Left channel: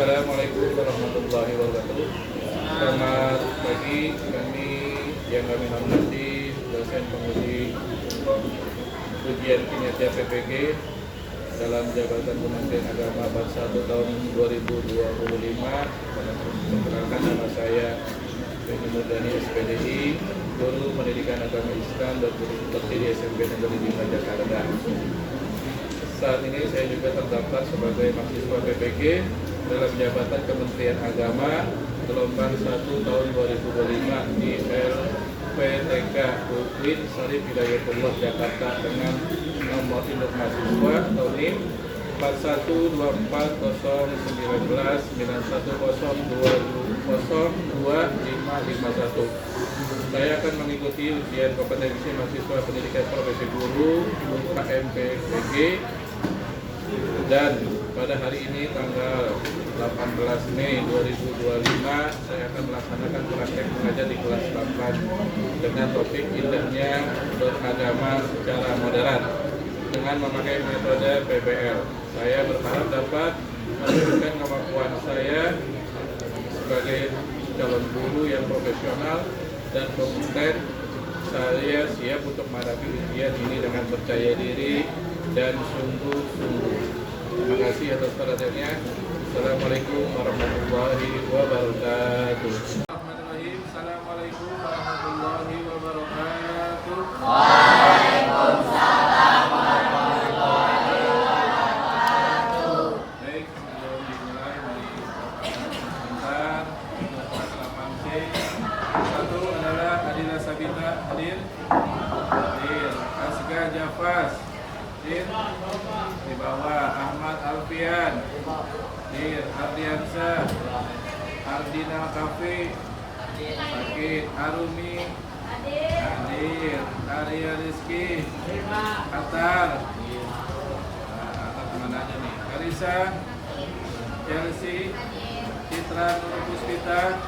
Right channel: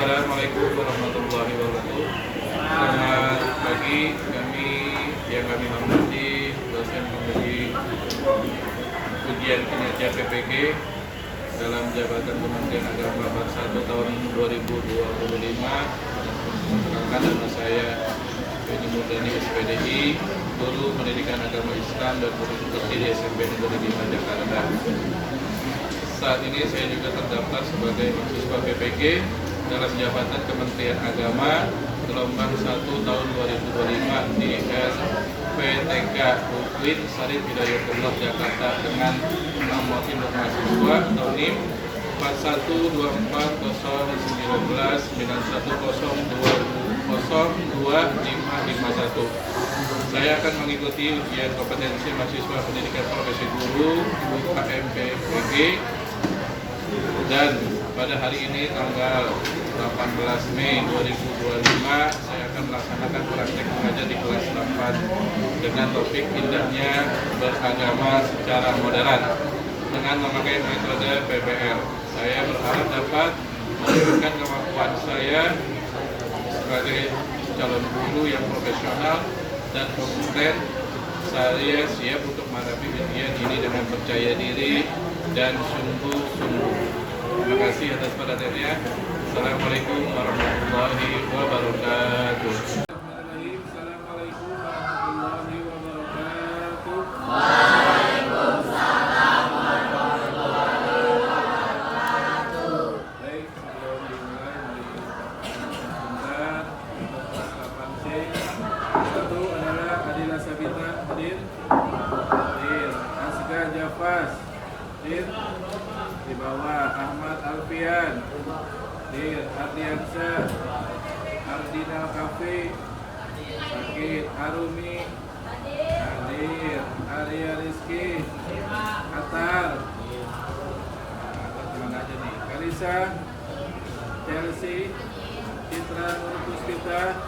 Assalamualaikum warahmatullahi wabarakatuh. Selamat pagi, kami hormati dosen pemberi ujian kinerja PPG dalam jabatan Kementerian Agama Bab 1 tahun 2025. Perkenalkan, nama saya Beni Murdani SPDI, Guru Pendidikan Agama Islam dan Guru Seperti di SMP Negeri 5 Jakarta. Saat ini saya juga terdaftar sebagai mahasiswa PPG dalam jabatan Kementerian Agama gelombang 1 tahun 2025 di LPTK UIN Syarif Hidayatullah Jakarta dengan nomor induk mahasiswa atau NIM 4124091021. Saya akan mengikuti ujian kompetensi mahasiswa pendidikan profesi guru KMPPG, dan pada hari ini tanggal 18 Mei 2025 saya akan melaksanakan praktek mengajar di kelas 8 dengan topik indahnya beragama secara moderat dengan memakai metode PBL. Saya berharap dapat menunjukkan kemampuan saya sebagai calon guru yang profesional dan kompeten. Saya siap untuk menghadapi ujian ini dengan percaya diri dan sungguh-sungguh. Terima kasih atas perhatiannya. Assalamualaikum warahmatullahi wabarakatuh. Assalamualaikum warahmatullahi wabarakatuh. Waalaikumsalam warahmatullahi wabarakatuh. Baik, sebelum dimulai, mari kita sebentar untuk kelas 8C. Satu adalah Adila Sabita, hadir. Hadir. Asga Jafas, hadir. Di bawah Ahmad Alfian, hadir. Ardiansyah, Ardina Kafe, sakit. Arumi, hadir. Arya Rizky, Atar, Atar kemana aja nih? Karisa, Chelsea, Citra Nur Puspita,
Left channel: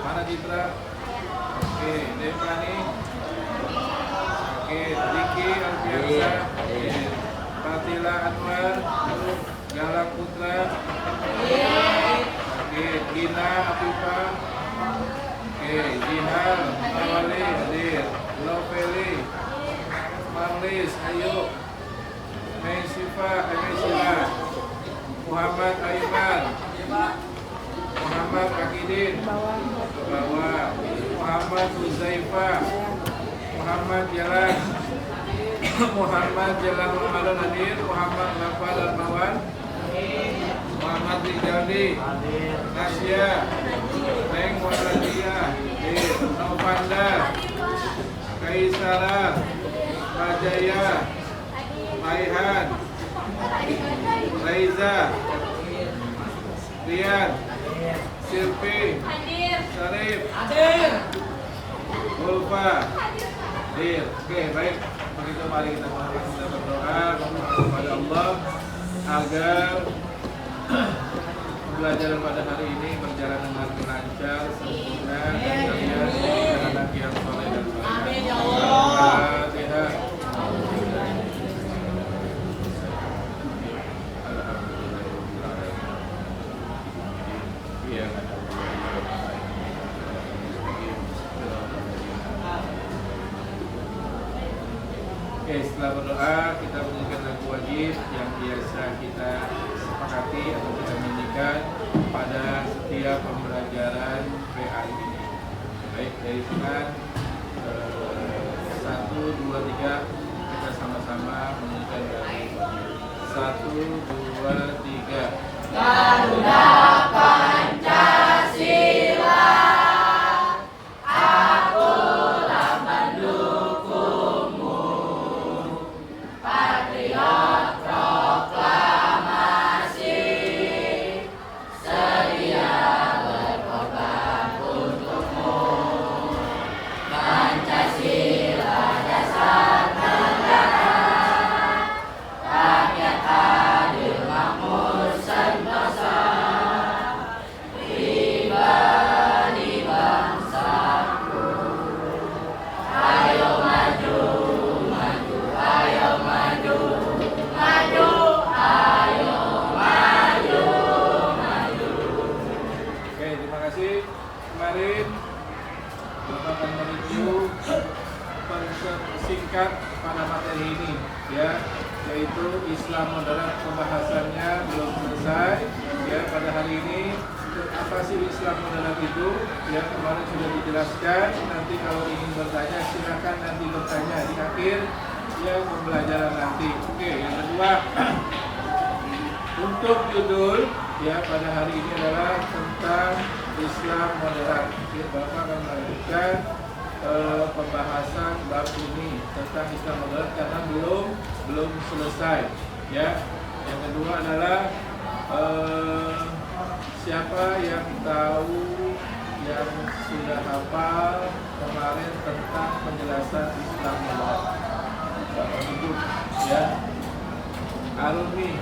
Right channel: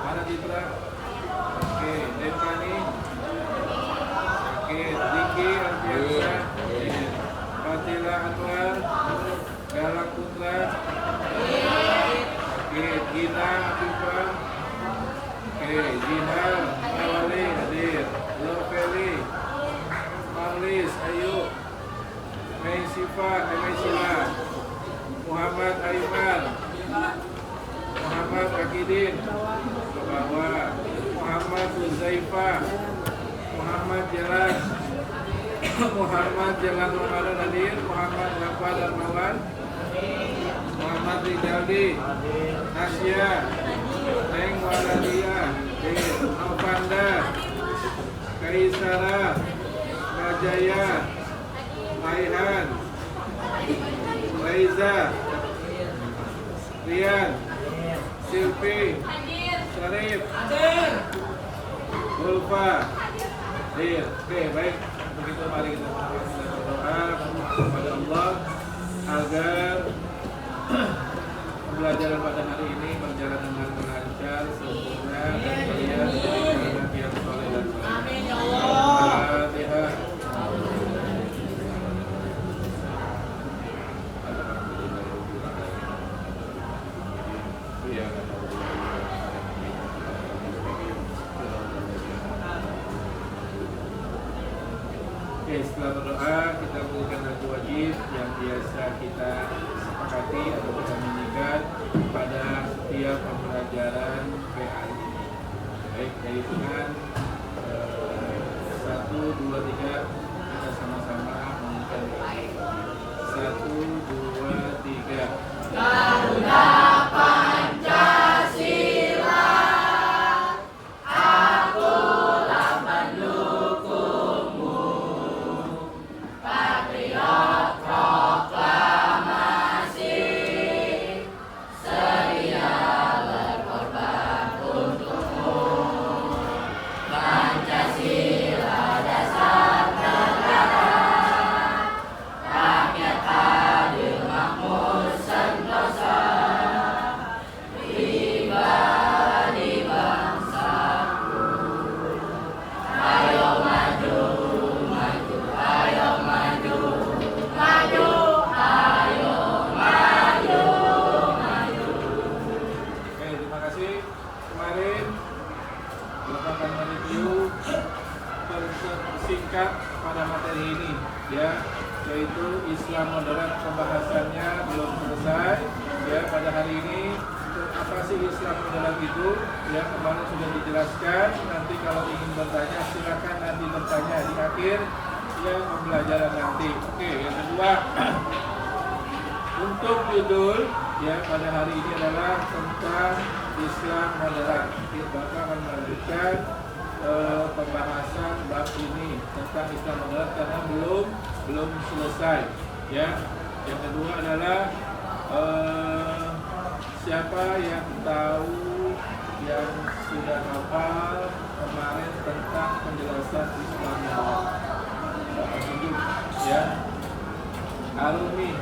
mana Citra? Oke, Devani, sakit. Diki Alfiansyah, hadir. Fatila Anwar, Galang Putra, sakit. Gina Afifah, oke. Jihal Mawali, hadir. Loveli, Marlis Ayu, Meisifa, Muhammad Aiman, Muhammad Kakidin, ke bawah. Muhammad Huzaifah, Muhammad Jalan, Muhammad Jalan Ramadan, hadir. Muhammad Rafa Darmawan, Muhammad Rijaldi, Nasya, Neng Waladia, hadir. Novanda, Kaisara, Bajaya, Raihan, Raiza, Rian, Silvi, Syarif, Ulfa, hadir. Oke, baik. Begitu, mari kita berdoa kepada Allah agar pembelajaran pada hari ini berjalan dengan lancar, sempurna, dan kalian menjadi anak yang soleh dan soleh. Amin ya Allah. Al-Fatihah. Oke, setelah berdoa kita menunjukkan lagu wajib yang biasa kita sepakati atau kita nyanyikan pada setiap pembelajaran PAI ini. Baik, dari hitungan 1, 2, 3 kita sama-sama menyanyikan lagu wajib. 1, 2, 3. Garuda Pancasila, akulah pendukungmu, patriot proklamasi, sedia berkorban untukmu. Pancasila dasar negara, rakyat adil makmur. sepakat pada materi ini, ya, yaitu Islam moderat. Pembahasannya belum selesai, ya, pada hari ini. Apa sih Islam moderat itu? Ya, kemarin sudah dijelaskan. Nanti kalau ingin bertanya silakan nanti bertanya di akhir ya pembelajaran nanti. Oke, yang kedua untuk judul ya pada hari ini adalah tentang Islam moderat. Bapak akan melanjutkan pembahasan bab ini tentang Islam moderat karena belum selesai. Ya, yang kedua adalah siapa yang tahu yang sudah hafal kemarin tentang penjelasan Islam moderat? Bapak tunjuk ya. Arumi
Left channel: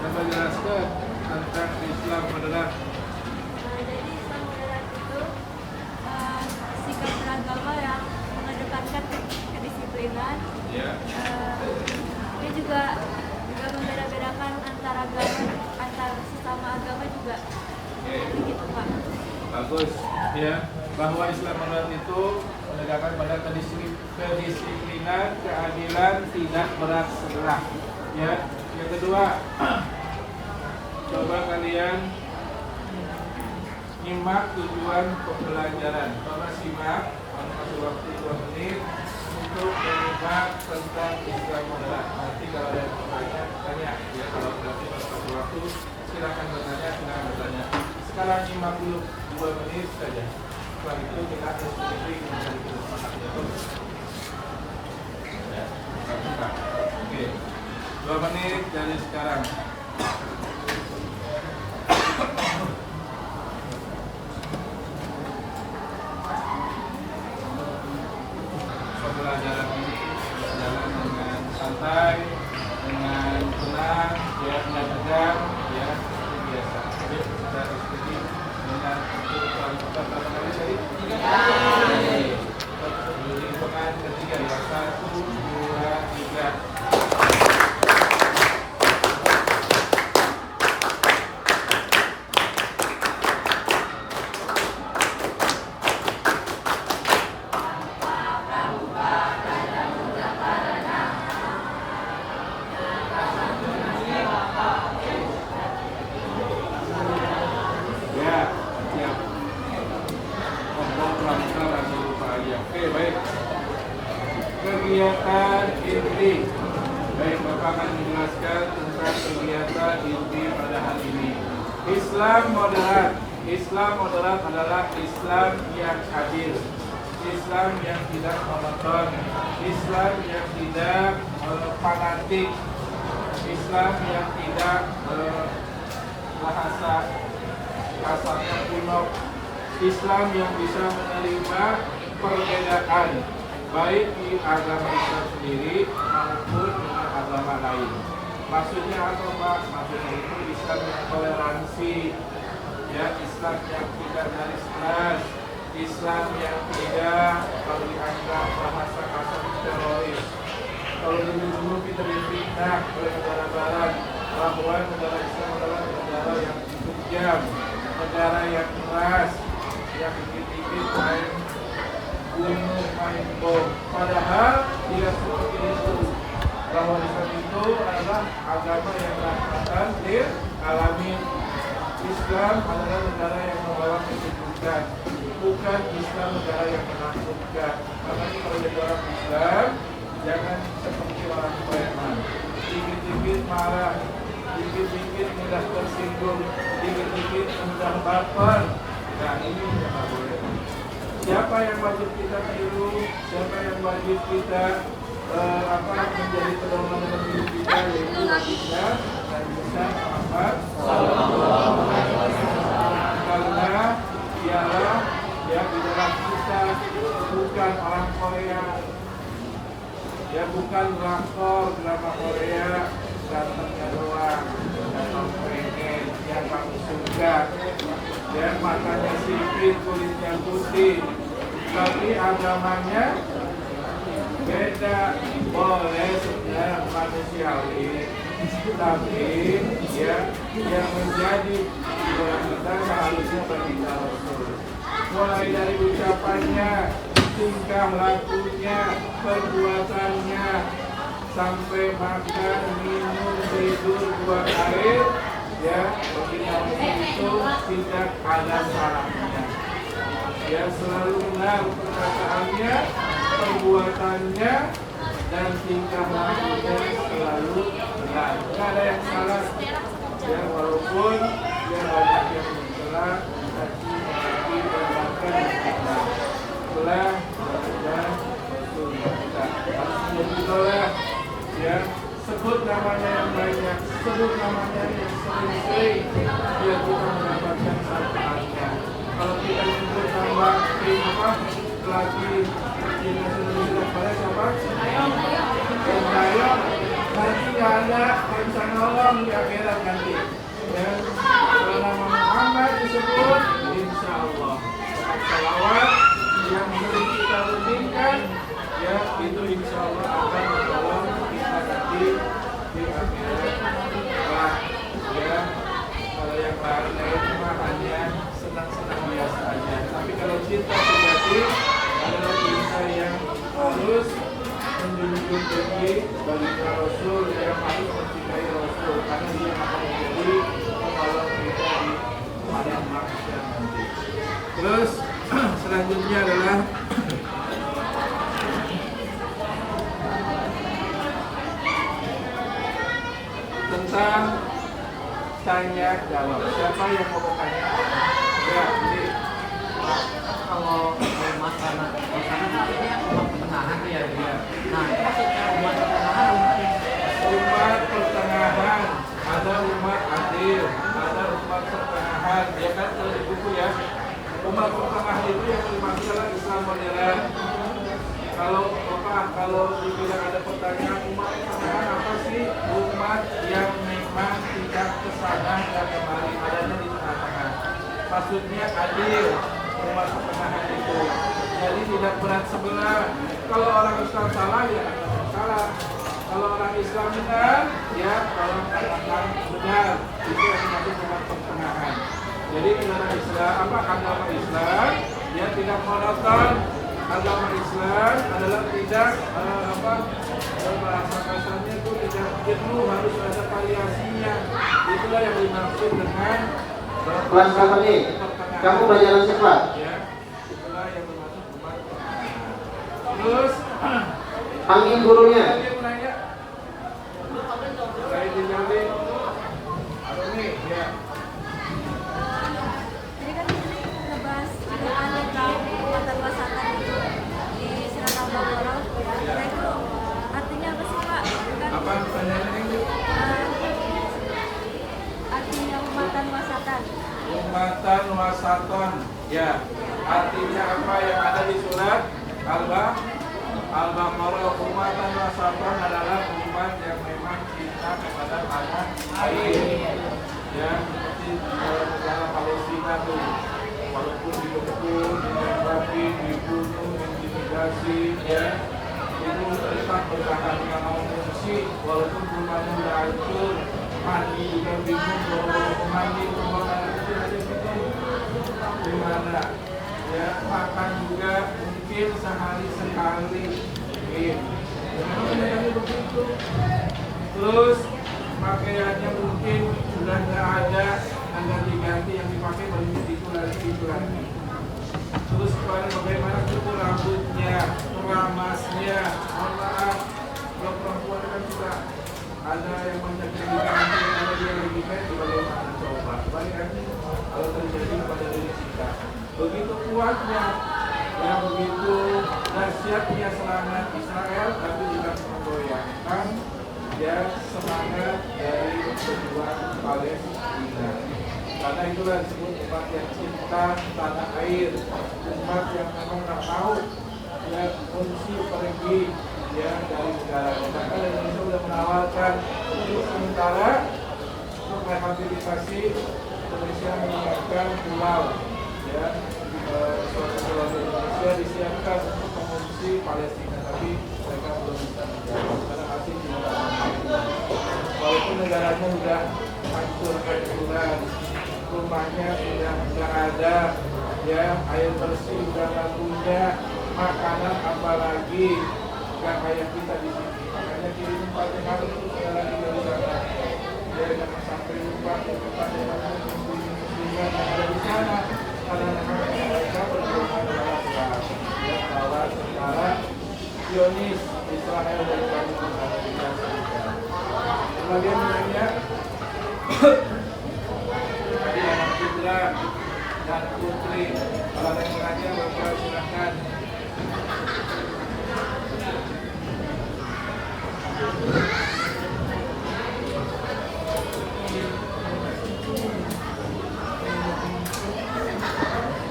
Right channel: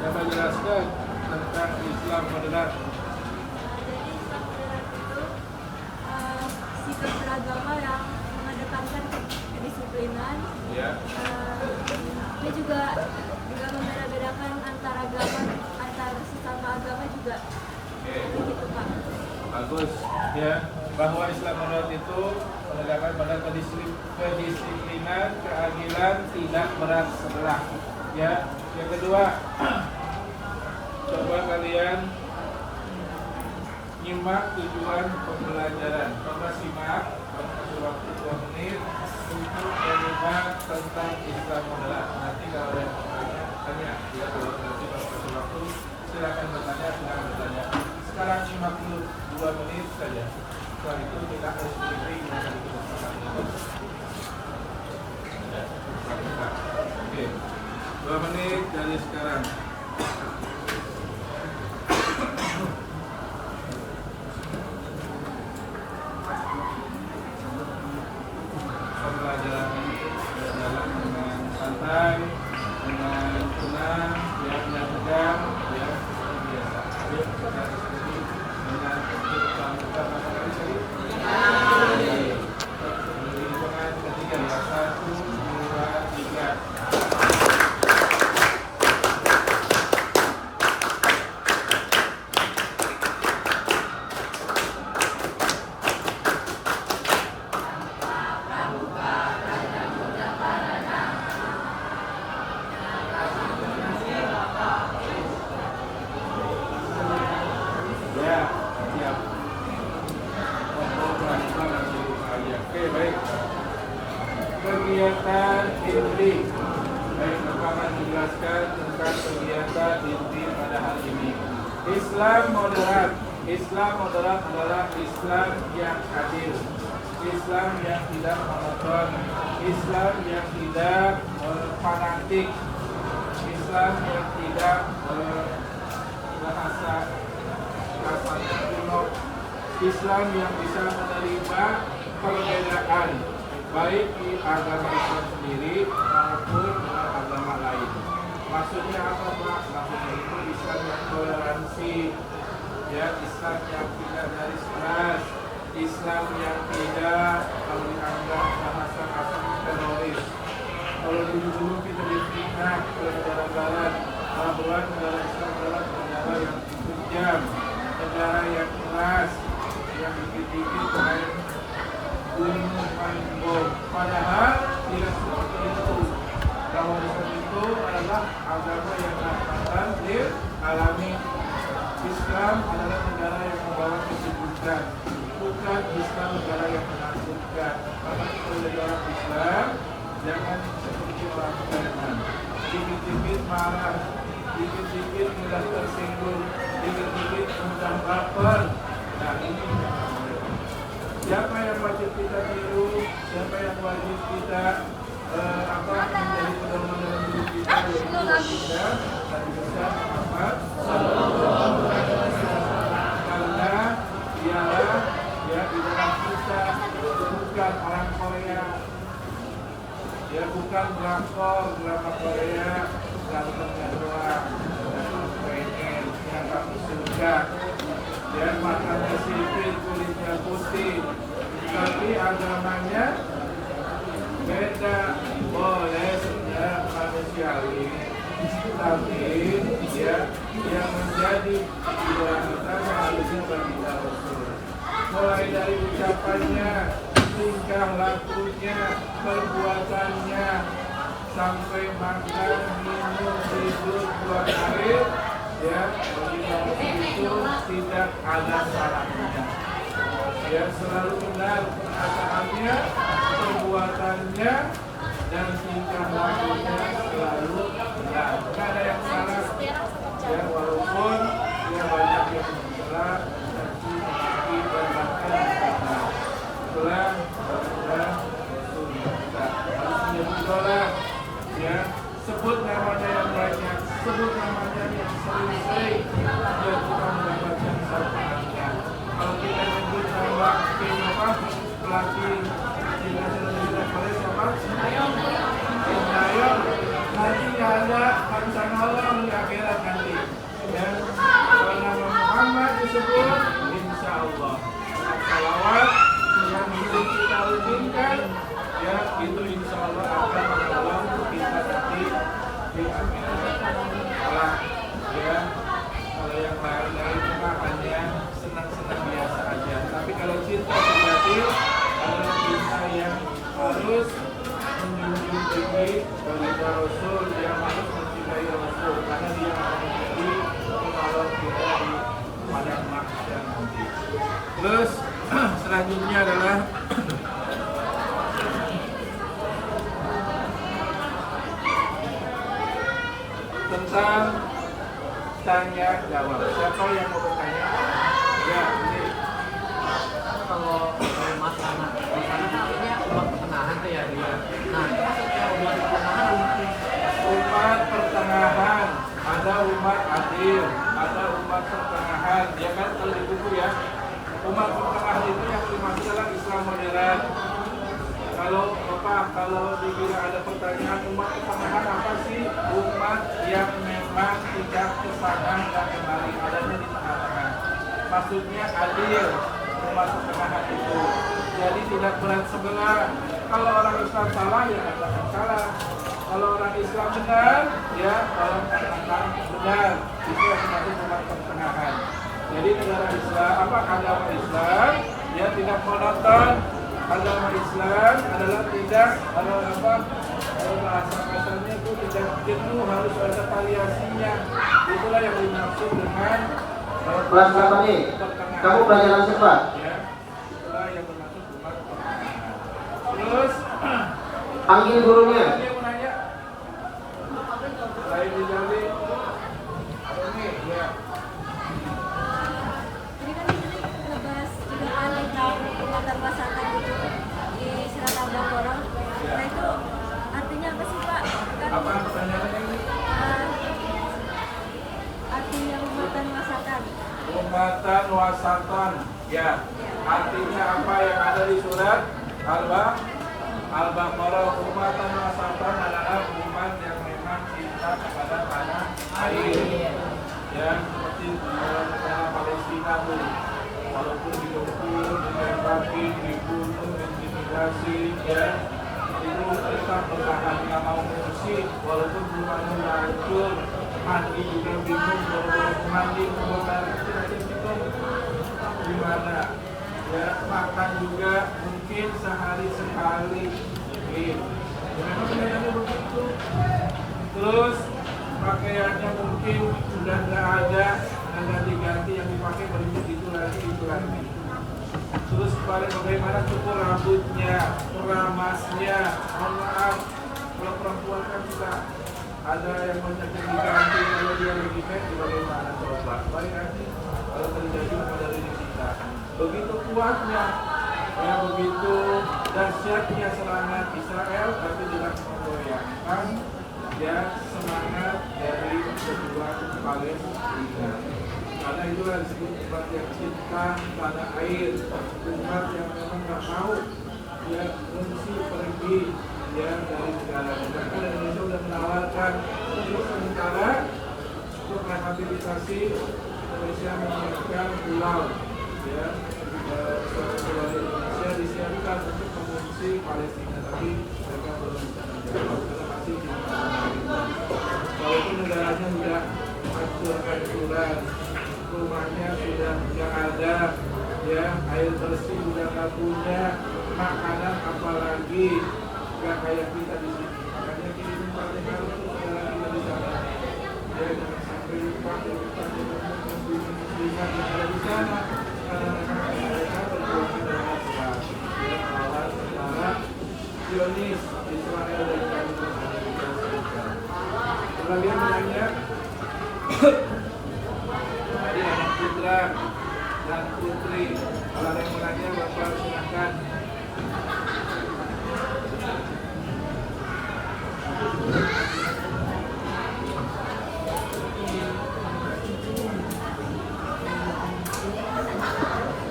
yang menjelaskan tentang Islam moderat. Sikap beragama yang mengedepankan kedisiplinan. Ya. Dia juga membeda-bedakan antar agama, antar sesama agama juga. Begitu Pak. Bagus ya, bahwa Islam moderat itu menegakkan pada kedisiplinan, keadilan, tidak berat sebelah. Ya, yang kedua, coba kalian nyimak tujuan pembelajaran. Coba simak, kamu kasih waktu 2 menit untuk menyimak tentang Islam moderat. Nanti kalau ada yang bertanya, tanya. Ya, kalau nanti kasih waktu, silakan bertanya. Sekarang nyimak dulu 2 menit saja. Setelah itu kita harus berdiri dengan tadi kita sepakatnya. Oke, 2 menit dari sekarang. Pembelajaran ini berjalan dengan santai, dengan tenang, ya, dengan tegang, ya, seperti biasa. Ya, kita diskusi dengan keputusan kita berapa kali tadi? 3 kali. Hitungan ketiga ya, 1, 2, 3. Oke, baik. Kegiatan inti. Baik, Bapak akan menjelaskan tentang kegiatan inti pada hari ini. Islam moderat. Islam moderat adalah Islam yang adil, Islam yang tidak monoton, Islam yang tidak fanatik, Islam yang tidak bahasanya kuno, Islam yang bisa menerima perbedaan baik di agama Islam sendiri maupun dengan agama lain. Maksudnya apa Pak? Maksudnya itu Islam yang toleransi, ya, Islam yang tidak garis keras, Islam yang tidak kalau dianggap bahasa teroris. Kalau dulu kita difitnah oleh negara Barat bahwa negara Islam adalah negara yang kejam, negara yang keras, yang dikit-dikit main bom. Padahal tidak seperti itu. Bahwa Islam itu adalah agama yang rahmatan lil alamin. Islam adalah negara yang membawa kesejukan, bukan Islam negara yang menakutkan. Makanya kalau jadi orang Islam, jangan seperti orang preman. Dikit-dikit marah, dikit-dikit mudah tersinggung, dikit-dikit mudah baper. Nah, ini yang boleh. Siapa yang wajib kita tiru, siapa yang wajib kita menjadi pedoman dalam hidup kita, yaitu baginda Nabi besar Muhammad karena dialah yang di dalam kita bukan orang Korea, ya, bukan drakor drama Korea gantengnya doang dan kamu pengen yang kamu suka, ya, matanya sipit kulitnya putih tapi agamanya beda. Boleh sebenarnya manusiawi, tapi ya yang menjadi idola kita seharusnya baginda Rasul. Mulai dari ucapannya tingkah lakunya, perbuatannya, sampai makan, minum, tidur, buang air, ya, bagi Rasul itu tidak ada salahnya. Ya, selalu benar perkataannya, perbuatannya, dan tingkah lakunya selalu benar. Tidak ada yang salah. Ya, walaupun dia banyak yang mencela, caci, maki, dan bahkan menghina. Itulah Rasul kita harus menjadi idola. Ya, sebut namanya yang banyak, sebut namanya yang sering-sering, biar kita mendapatkan syafaatnya. Kalau kita nyebut nama pelatih timnas Indonesia pada siapa? Sintayong, nanti nggak ada barisan awam di akhirat nanti. Dan kalau nama Muhammad disebut, insya Allah dengan salawat yang sering kita rutinkan, ya itu insya Allah akan menolong kita nanti di akhirat kelak. Ya, kalau yang lain mah hanya senang-senang biasa aja. Tapi kalau cinta sejati adalah cinta yang harus menjunjung tinggi bagi Rasul, yang harus mencintai Rasul, karena dia akan menjadi penolong kita di padang mahsyar nanti. Terus selanjutnya adalah tentang tanya jawab. Siapa yang mau bertanya? Ya, ini kalau umat karena ini umat pertengahan tuh ya dia. Nah, maksudnya umat pertengahan umat pertengahan, ada umat adil, ada umat pertengahan. Ya kan kalau di buku ya, umat pertengahan itu yang dimaksud adalah Islam modern. Kalau dibilang ada pertanyaan umat pertengahan apa sih? Umat yang memang tidak kesana dan kemari, adanya di tengah-tengah. Maksudnya adil, umat pertengahan itu. Jadi tidak berat sebelah. Kalau orang Islam salah, ya katakan salah. Kalau orang Islam benar, ya tolong katakan benar. Itu yang dimaksud umat pertengahan. Jadi negara Islam, agama Islam, ya tidak monoton. Agama Islam adalah tidak bahasa kasarnya itu tidak jenuh, harus ada variasinya. Itulah yang dimaksud dengan Bulan sama nih, kamu pelajaran cepat. Ya, itulah yang bermaksud umat pertengahan. Terus Panggil gurunya. Ada yang mau nanya? Saya dijawabin. Ini ya. Ini kan ngebahas jugaan tentang kekuatan masakan itu di Surat Al-Baqarah. Nah itu artinya apa sih Pak? Kan Apa pertanyaannya? artinya umatan masakan. Umatan wasakon. Ya. Artinya apa yang ada di surat Al-Baqarah? Umatan wasakon adalah umat yang memang cinta kepada tanah air. Ya, seperti negara Palestina tuh. Walaupun dikepung, ditembaki, dibunuh, diintimidasi, ya, itu tetap bertahan, nggak mau mengungsi, walaupun rumahnya udah hancur, mandi juga bingung, boro-boro mandi, buang air kecil aja bingung, gimana? Ya, makan juga mungkin sehari sekali, gitu. Memang kenyataannya begitu. Terus pakaiannya mungkin sudah nggak ada, dan ganti-ganti yang dipakai berikut itu lagi. Terus bagaimana cukur rambutnya, keramasnya. Mohon maaf, kalau perempuan kan juga ada yang banyak yang diganti, kalau dia lagi di bagaimana coba. Balik lagi kalau terjadi pada diri kita. Begitu kuatnya, dan begitu dahsyatnya serangan Israel, tapi tidak menggoyahkan ya semangat dari pejuang Palestina. Karena itulah disebut umat yang cinta tanah air, umat yang memang nggak tahu ya fungsi pergi ya dari negaranya. Bahkan Indonesia sudah menawarkan untuk sementara untuk rehabilitasi, Indonesia menyiapkan pulau ya suatu pulau di Indonesia disiapkan untuk mengungsi Palestina, tapi mereka belum bisa menjawab karena masih cinta tanah air. Walaupun negaranya sudah hancur-hancuran, rumahnya sudah nggak ada, ya air bersih sudah nggak punya, makanan apa lagi yang kayak kita di sini. Makanya kirim Fatihah itu sekali lagi dari sana. Ya, jangan sampai lupa kepada muslimat yang ada di sana, karena memang mereka berjuang dalam melawan tentara Zionis Israel dan Amerika Serikat. Kemudian menanya tadi anak putra dan putri. Kalau ada yang menanya, Bapak silakan.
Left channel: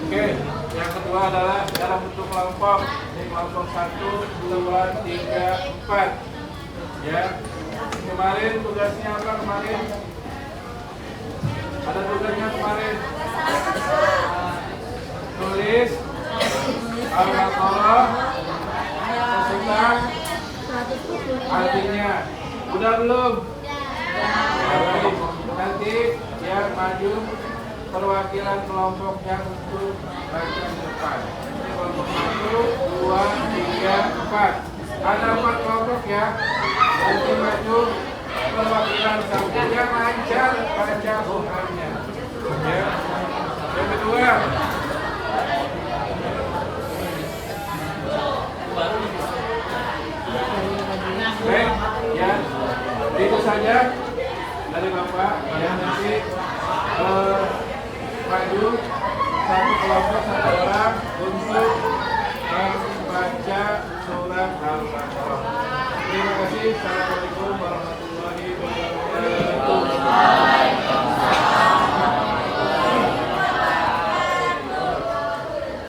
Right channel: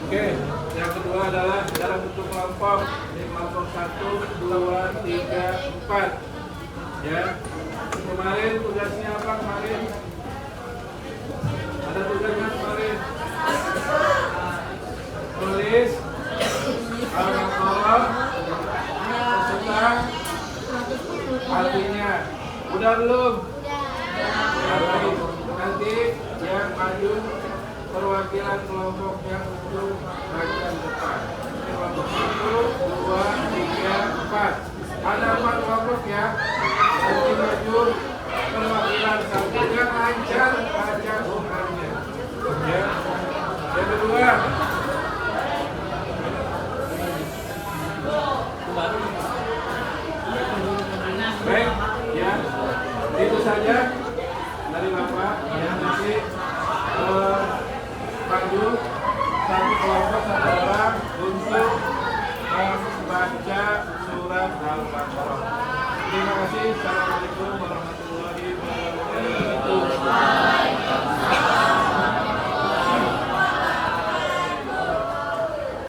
Oke, yang kedua adalah dalam bentuk kelompok. Ini kelompok 1, 2, 3, 4. Ya. Kemarin tugasnya apa kemarin? Ada tugasnya kemarin? Tulis Al-Baqarah beserta artinya. Udah belum? Nanti yang maju perwakilan kelompoknya untuk bagian depan. Ini kelompok 1, 2, 3, 4. Ada 4 kelompok ya. Nanti maju perwakilan satunya lancar baca Qur'annya. Ya. Yang kedua, baik, ya. Itu saja dari Bapak. Ya, nanti maju satu kelompok satu orang untuk membaca surat Al-Baqarah. Terima kasih. Assalamualaikum.